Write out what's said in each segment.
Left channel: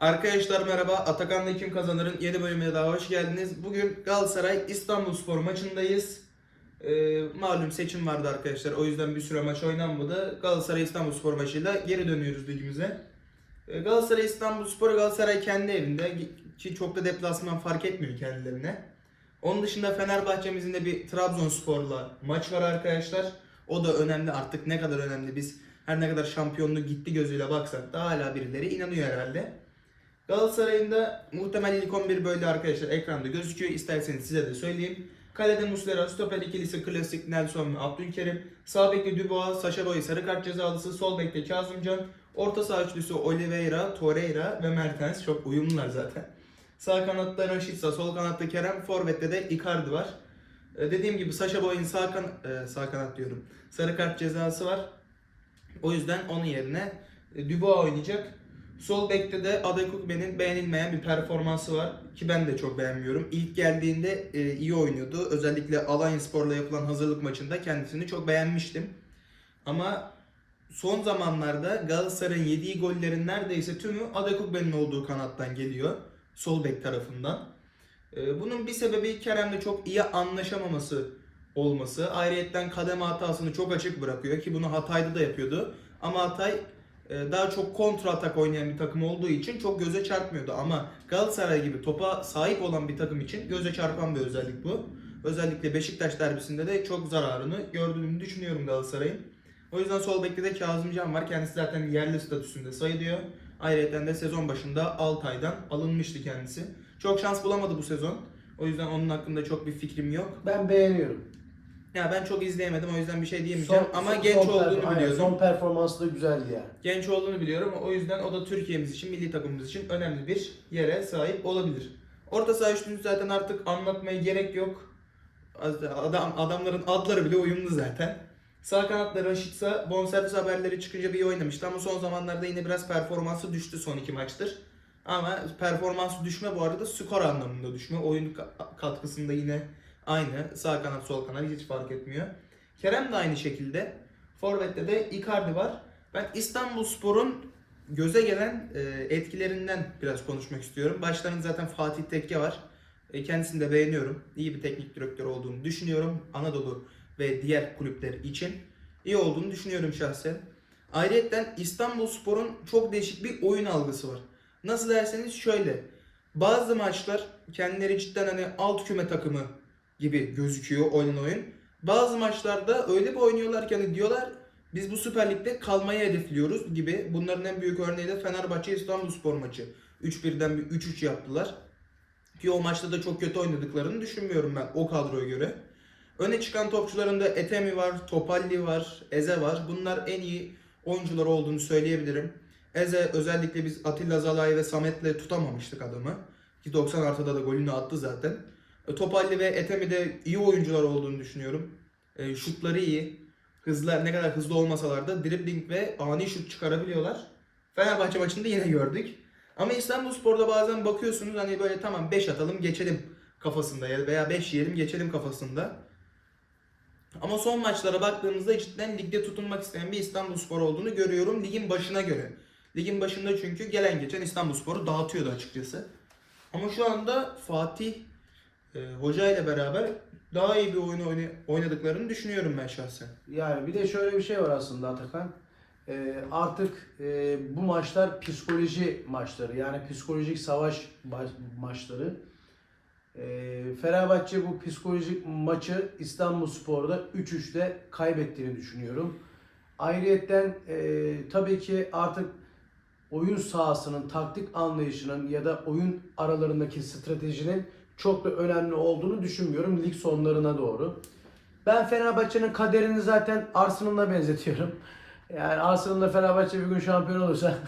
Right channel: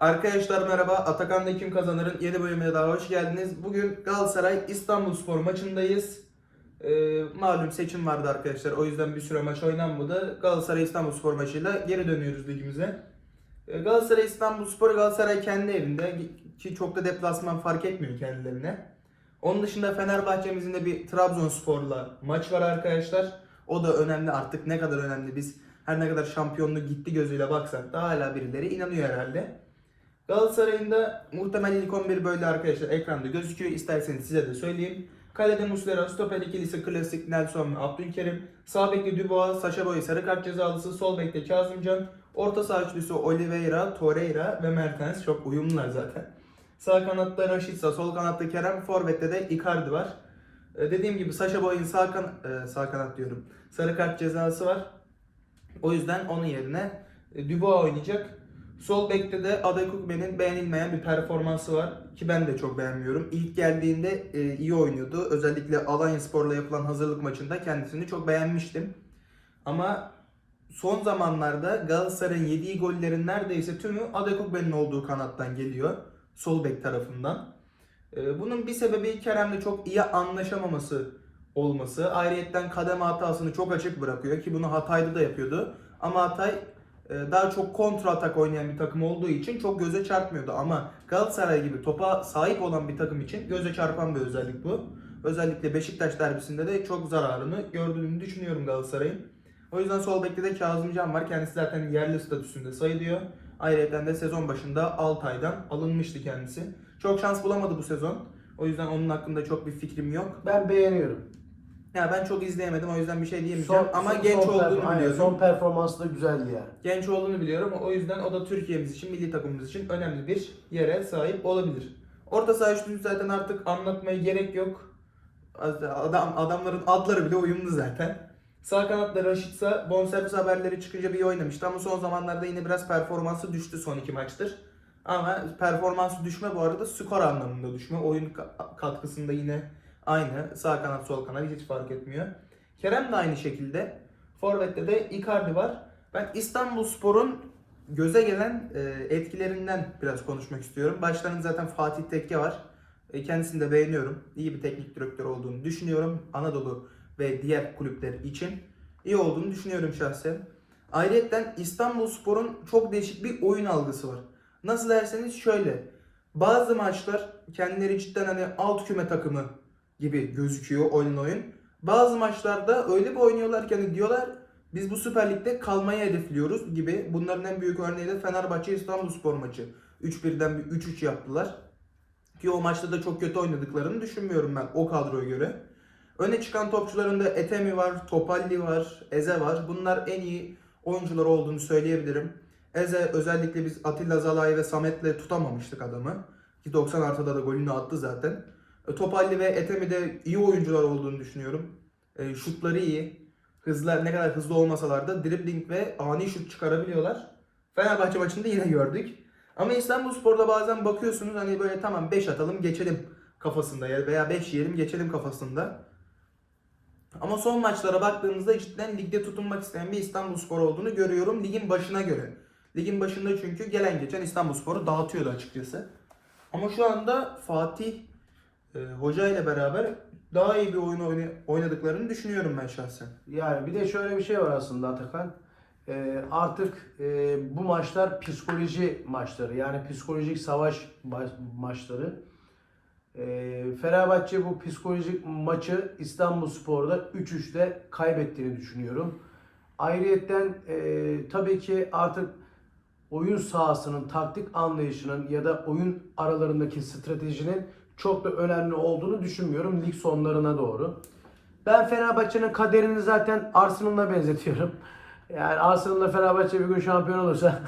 Arkadaşlar merhaba. Atakan'da kim kazanırın yeni bölümüne daha hoş geldiniz. Bugün Galatasaray İstanbul Spor maçındayız. Ee, malum seçim vardı arkadaşlar. O yüzden bir süre maç oynanmadı. Galatasaray İstanbul Spor maçıyla geri dönüyoruz ligimize. Ee, Galatasaray İstanbul Spor Galatasaray kendi evinde ki çok da deplasman fark etmiyor kendilerine. Onun dışında Fenerbahçe'mizin de bir Trabzonspor'la maç var arkadaşlar. O da önemli artık ne kadar önemli biz her ne kadar şampiyonluk gitti gözüyle baksak da hala birileri inanıyor herhalde. Galatasaray'ın da muhtemel ilk 11 böyle arkadaşlar ekranda gözüküyor. İsterseniz size de söyleyeyim. Kalede Muslera, stoper ikilisi klasik Nelson ve Abdülkerim. Sağ bekte Dubois, Sacha Boey sarı kart cezalısı. Sol bekte Kazımcan. Orta saha üçlüsü Oliveira, Torreira ve Mertens. Çok uyumlular zaten. Sağ kanatta Rashica, sol kanatta Kerem, forvette de Icardi var. Ee, dediğim gibi Sacha Boey'in sağ, kan e, sağ kanat diyorum. Sarı kart cezası var. O yüzden onun yerine e, Dubois oynayacak. Sol bekte de Adekugbe'nin beğenilmeyen bir performansı var ki ben de çok beğenmiyorum. İlk geldiğinde e, iyi oynuyordu. Özellikle Alanya Spor'la yapılan hazırlık maçında kendisini çok beğenmiştim. Ama son zamanlarda Galatasaray'ın yediği gollerin neredeyse tümü Adekugbe'nin olduğu kanattan geliyor. Sol bek tarafından. E, bunun bir sebebi Kerem'le çok iyi anlaşamaması olması. Ayrıyetten kademe hatasını çok açık bırakıyor ki bunu Hatay'da da yapıyordu. Ama Hatay daha çok kontra atak oynayan bir takım olduğu için çok göze çarpmıyordu. Ama Galatasaray gibi topa sahip olan bir takım için göze çarpan bir özellik bu. Özellikle Beşiktaş derbisinde de çok zararını gördüğünü düşünüyorum Galatasaray'ın. O yüzden sol bekte de Kazımcan var. Kendisi zaten yerli statüsünde sayılıyor. Ayrıca de sezon başında Altay'dan alınmıştı kendisi. Çok şans bulamadı bu sezon. O yüzden onun hakkında çok bir fikrim yok. Ben beğeniyorum. Ya ben çok izleyemedim o yüzden bir şey diyemeyeceğim Son- ama son- genç son olduğunu per- biliyordum. Son performansı da güzeldi yani. Genç olduğunu biliyorum. O yüzden o da Türkiye'miz için, milli takımımız için önemli bir yere sahip olabilir. Orta saha üçlünü zaten artık anlatmaya gerek yok. Adam, adamların adları bile uyumlu zaten. Sağ kanatta Raşitsa bonservis haberleri çıkınca bir iyi oynamıştı ama son zamanlarda yine biraz performansı düştü son iki maçtır. Ama performansı düşme bu arada skor anlamında düşme. Oyun ka- katkısında yine aynı. Sağ kanat sol kanat hiç fark etmiyor. Kerem de aynı şekilde. Forvet'te de Icardi var. Ben İstanbul Spor'un göze gelen e, etkilerinden biraz konuşmak istiyorum. Başlarında zaten Fatih Tekke var. E, Kendisini de beğeniyorum. İyi bir teknik direktör olduğunu düşünüyorum. Anadolu ve diğer kulüpler için iyi olduğunu düşünüyorum şahsen. Ayrıca İstanbul Spor'un çok değişik bir oyun algısı var. Nasıl derseniz şöyle. Bazı maçlar kendileri cidden hani alt küme takımı gibi gözüküyor oyun oyun. Bazı maçlarda öyle bir oynuyorlar ki hani diyorlar biz bu Süper Lig'de kalmayı hedefliyoruz gibi. Bunların en büyük örneği de Fenerbahçe İstanbulspor maçı. 3-1'den bir 3-3 yaptılar. Ki o maçta da çok kötü oynadıklarını düşünmüyorum ben o kadroya göre. Öne çıkan topçularında Etemi var, Topalli var, Eze var. Bunlar en iyi oyuncular olduğunu söyleyebilirim. Eze özellikle biz Atilla Zalai ve Samet'le tutamamıştık adamı. Ki 90 artıda da golünü attı zaten. E, Topalli ve Etemi de iyi oyuncular olduğunu düşünüyorum. E, şutları iyi. Hızlar ne kadar hızlı olmasalar da dribbling ve ani şut çıkarabiliyorlar. Fenerbahçe maçında yine gördük. Ama İstanbulspor'da bazen bakıyorsunuz hani böyle tamam 5 atalım geçelim kafasında ya veya 5 yiyelim geçelim kafasında. Ama son maçlara baktığımızda cidden ligde tutunmak isteyen bir İstanbulspor olduğunu görüyorum ligin başına göre. Ligin başında çünkü gelen geçen İstanbulspor'u dağıtıyordu açıkçası. Ama şu anda Fatih e, Hoca ile beraber daha iyi bir oyun oyna- oynadıklarını düşünüyorum ben şahsen. Yani bir de şöyle bir şey var aslında Atakan. Ee, artık e, bu maçlar psikoloji maçları. Yani psikolojik savaş ma- maçları. Ee, Fenerbahçe bu psikolojik maçı İstanbulspor'da 3-3'te kaybettiğini düşünüyorum. Ayrıyetten e, tabii ki artık oyun sahasının, taktik anlayışının ya da oyun aralarındaki stratejinin çok da önemli olduğunu düşünmüyorum lig sonlarına doğru. Ben Fenerbahçe'nin kaderini zaten Arsenal'la benzetiyorum. Yani Arsenal'la Fenerbahçe bir gün şampiyon olursa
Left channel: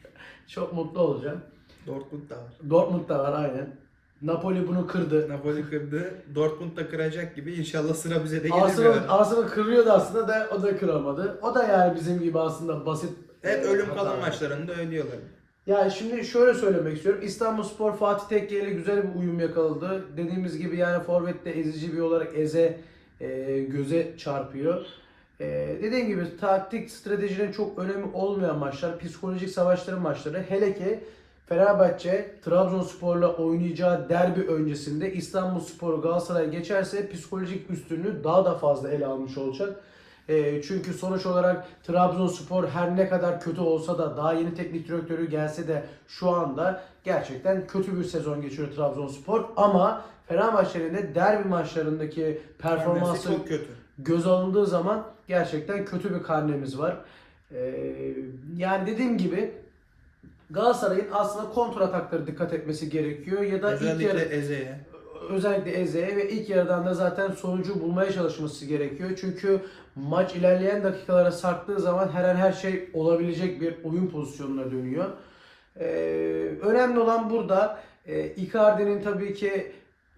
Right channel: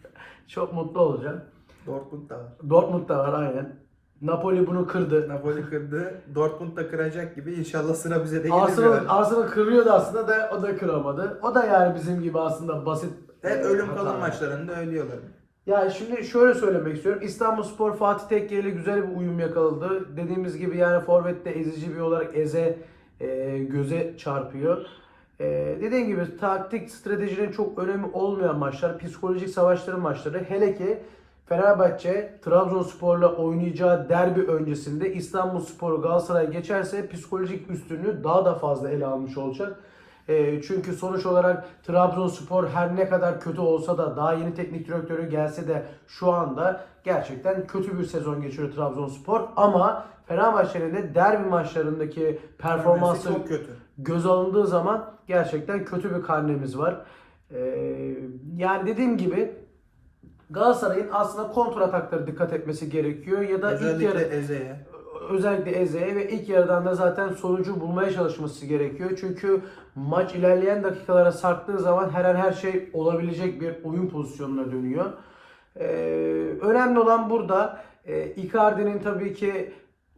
çok mutlu olacağım. Dortmund da var. Dortmund da var aynen. Napoli bunu kırdı. Napoli kırdı. Dortmund da kıracak gibi. İnşallah sıra bize de gelir. Arsenal. Arsenal kırıyordu aslında da o da kıramadı. O da yani bizim gibi aslında basit. Hep ölüm kalım maçlarında ölüyorlar. Ya şimdi şöyle söylemek istiyorum. İstanbul Spor Fatih Tekke ile güzel bir uyum yakaladı. Dediğimiz gibi yani Forvet'te ezici bir olarak Eze e, göze çarpıyor. E, dediğim gibi taktik stratejinin çok önemi olmayan maçlar, psikolojik savaşların maçları. Hele ki Fenerbahçe Trabzonspor'la oynayacağı derbi öncesinde İstanbulspor Galatasaray geçerse psikolojik üstünlüğü daha da fazla ele almış olacak. E, çünkü sonuç olarak Trabzonspor her ne kadar kötü olsa da daha yeni teknik direktörü gelse de şu anda gerçekten kötü bir sezon geçiriyor Trabzonspor ama Fenerbahçe'nin de derbi maçlarındaki Performansı çok kötü. göz alındığı zaman gerçekten kötü bir karnemiz var. Ee, yani dediğim gibi Galatasaray'ın aslında kontra ataklara dikkat etmesi gerekiyor ya da ilk Özellikle Eze'ye. Özellikle Eze'ye ve ilk yarıdan da zaten sonucu bulmaya çalışması gerekiyor. Çünkü maç ilerleyen dakikalara sarktığı zaman her an her şey olabilecek bir oyun pozisyonuna dönüyor. Ee, önemli olan burada e, Icardi'nin tabii ki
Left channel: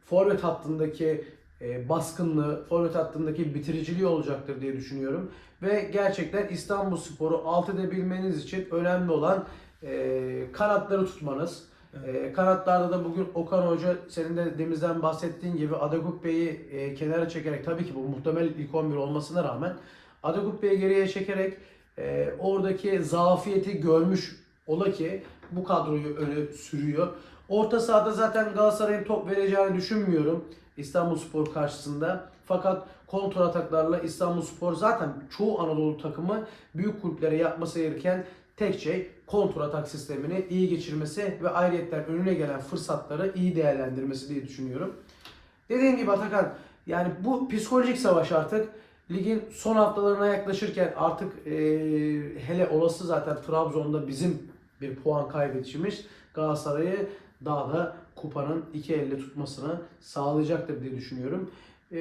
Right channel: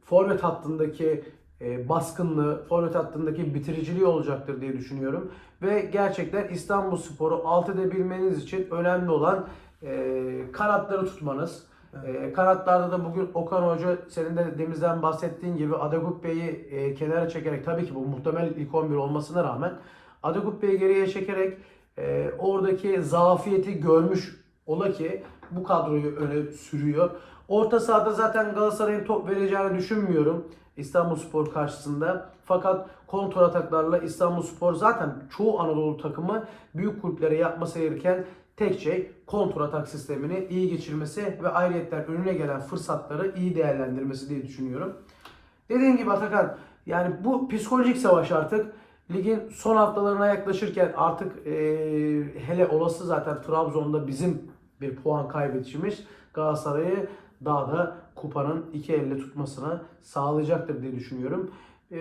forvet hattındaki e, baskınlığı, forvet hattındaki bitiriciliği olacaktır diye düşünüyorum. Ve gerçekten İstanbulspor'u alt edebilmeniz için önemli olan e, kanatları tutmanız. E, kanatlarda da bugün Okan Hoca senin de demizden bahsettiğin gibi Adagukbe'yi e, kenara çekerek tabii ki bu muhtemel ilk 11 olmasına rağmen Adagukbe'yi geriye çekerek e, oradaki zafiyeti görmüş ola ki bu kadroyu öyle sürüyor. Orta sahada zaten Galatasaray'ın top vereceğini düşünmüyorum İstanbulspor karşısında. Fakat kontra ataklarla İstanbulspor zaten çoğu Anadolu takımı büyük kulüplere yapması gereken tek şey kontra atak sistemini iyi geçirmesi ve ayrıyetten önüne gelen fırsatları iyi değerlendirmesi diye düşünüyorum. Dediğim gibi Atakan yani bu psikolojik savaş artık ligin son haftalarına yaklaşırken artık e, hele olası zaten Trabzon'da bizim bir puan kaybedişimiz Galatasaray'ı daha da kupanın iki elle tutmasına sağlayacaktır diye düşünüyorum. E,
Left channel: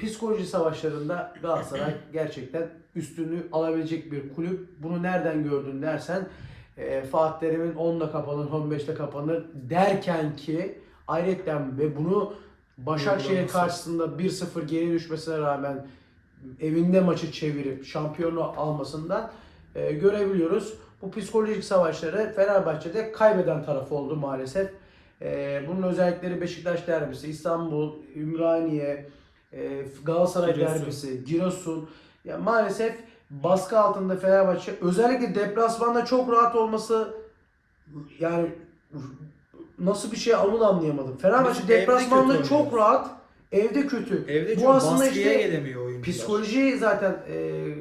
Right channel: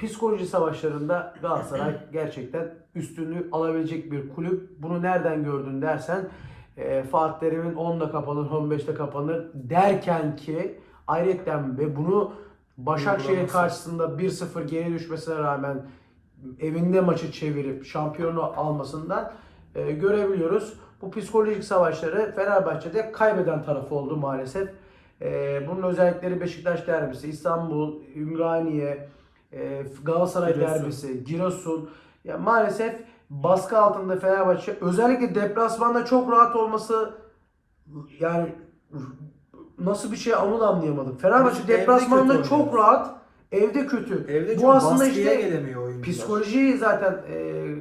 psikoloji savaşlarında Galatasaray gerçekten üstünlüğü alabilecek bir kulüp. Bunu nereden gördün dersen e, Fatih Terim'in 10'da kapanır, 15'te kapanır derken ki ayrıca ve bunu Başakşehir karşısında 1-0 geri düşmesine rağmen evinde maçı çevirip şampiyonu almasından e, görebiliyoruz. Bu psikolojik savaşları Fenerbahçe'de kaybeden tarafı oldu maalesef. E, bunun özellikleri Beşiktaş derbisi, İstanbul, Ümraniye, e, Galatasaray Giresun. derbisi, Giresun. Ya maalesef baskı altında Fenerbahçe özellikle deplasmanda çok rahat olması yani nasıl bir şey onu da anlayamadım. Fenerbahçe deplasmanda çok rahat, evde kötü. Evde Bu çok aslında baskıya işte gelemiyor oyuncular. Psikolojiyi zaten e,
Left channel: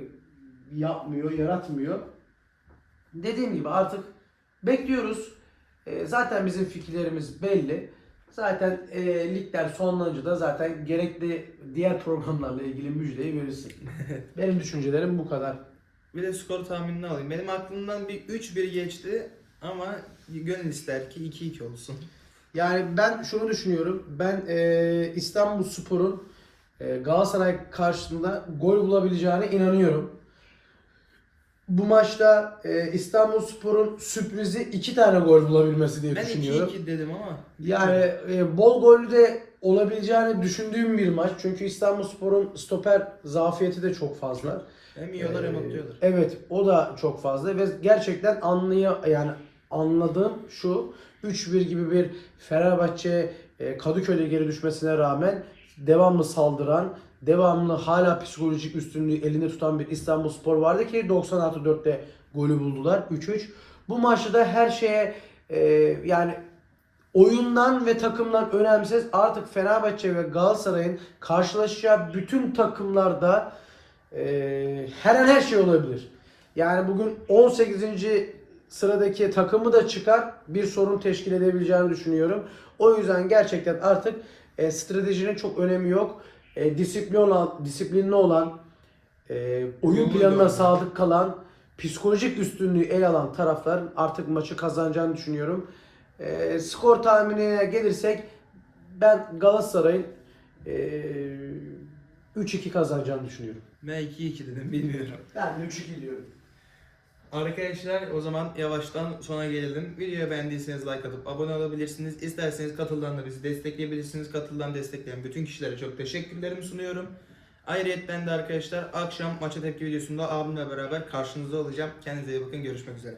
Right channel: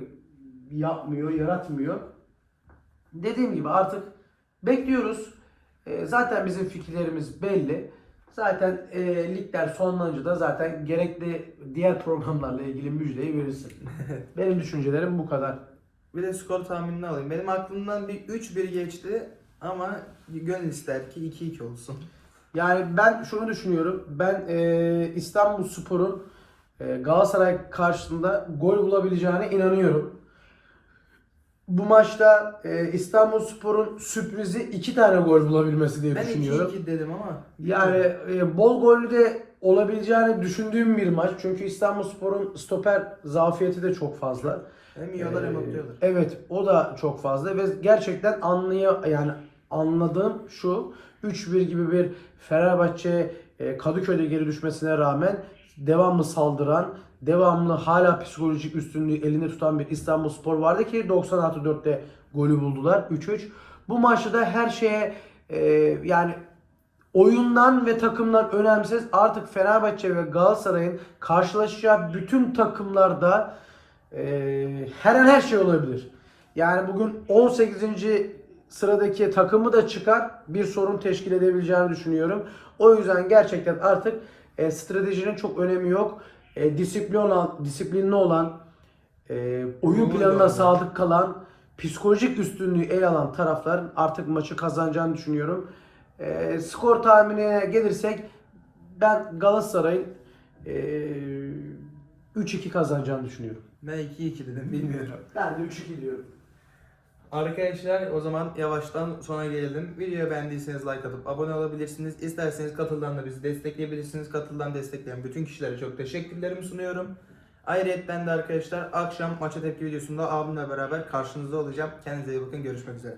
yapmıyor, yaratmıyor. Dediğim gibi artık bekliyoruz. E, zaten bizim fikirlerimiz belli. Zaten e, ligler sonlanınca da zaten gerekli diğer programlarla ilgili müjdeyi verirsin. Benim düşüncelerim bu kadar. Bir de skor tahminini alayım. Benim aklımdan bir 3-1 geçti ama gönül ister ki 2-2 olsun. Yani ben şunu düşünüyorum. Ben e, İstanbul Spor'un e, Galatasaray karşısında gol bulabileceğine inanıyorum. Bu maçta e, İstanbul Spor'un sürprizi iki tane gol bulabilmesi diye Ben düşünüyorum. 2-2 dedim ama. Yani e, bol gollü de olabileceğini düşündüğüm bir maç. Çünkü İstanbulspor'un stoper zafiyeti de çok fazla. hem yiyorlar hem Ee, atıyorlar. Evet, o da çok fazla ve gerçekten anlıyor yani anladığım şu 3-1 gibi bir Fenerbahçe e, Kadıköy'de geri düşmesine rağmen devamlı saldıran, devamlı hala psikolojik üstünlüğü elinde tutan bir İstanbulspor vardı ki 90 artı 4'te golü buldular 3-3. Bu maçta da her şeye e, yani oyundan ve takımdan önemsiz artık Fenerbahçe ve Galatasaray'ın karşılaşacağı bütün takımlarda e, her an her şey olabilir. Yani bugün 18. sıradaki takımı da çıkar bir sorun teşkil edebileceğini düşünüyorum. O yüzden gerçekten artık e, stratejinin çok önemi yok. E, disiplinli olan, disiplinli olan, e, oyun planına sadık kalan, psikolojik üstünlüğü ele alan tarafların artık maçı kazanacağını düşünüyorum. E, skor tahminine gelirsek ben Galatasaray'ın e, 3-2 kazanacağını düşünüyorum. Ben 2-2 dedim bilmiyorum. Ben de 3-2 diyorum. Arkadaşlar o zaman yavaştan sona gelelim. Videoyu beğendiyseniz like atıp abone olabilirsiniz. İsterseniz katıldan da bizi destekleyebilirsiniz. Katıldan destekleyen bütün kişilere çok teşekkürlerimi sunuyorum. Ayrıyetten de arkadaşlar akşam maça tepki videosunda abimle beraber karşınızda olacağım. Kendinize iyi bakın. Görüşmek üzere.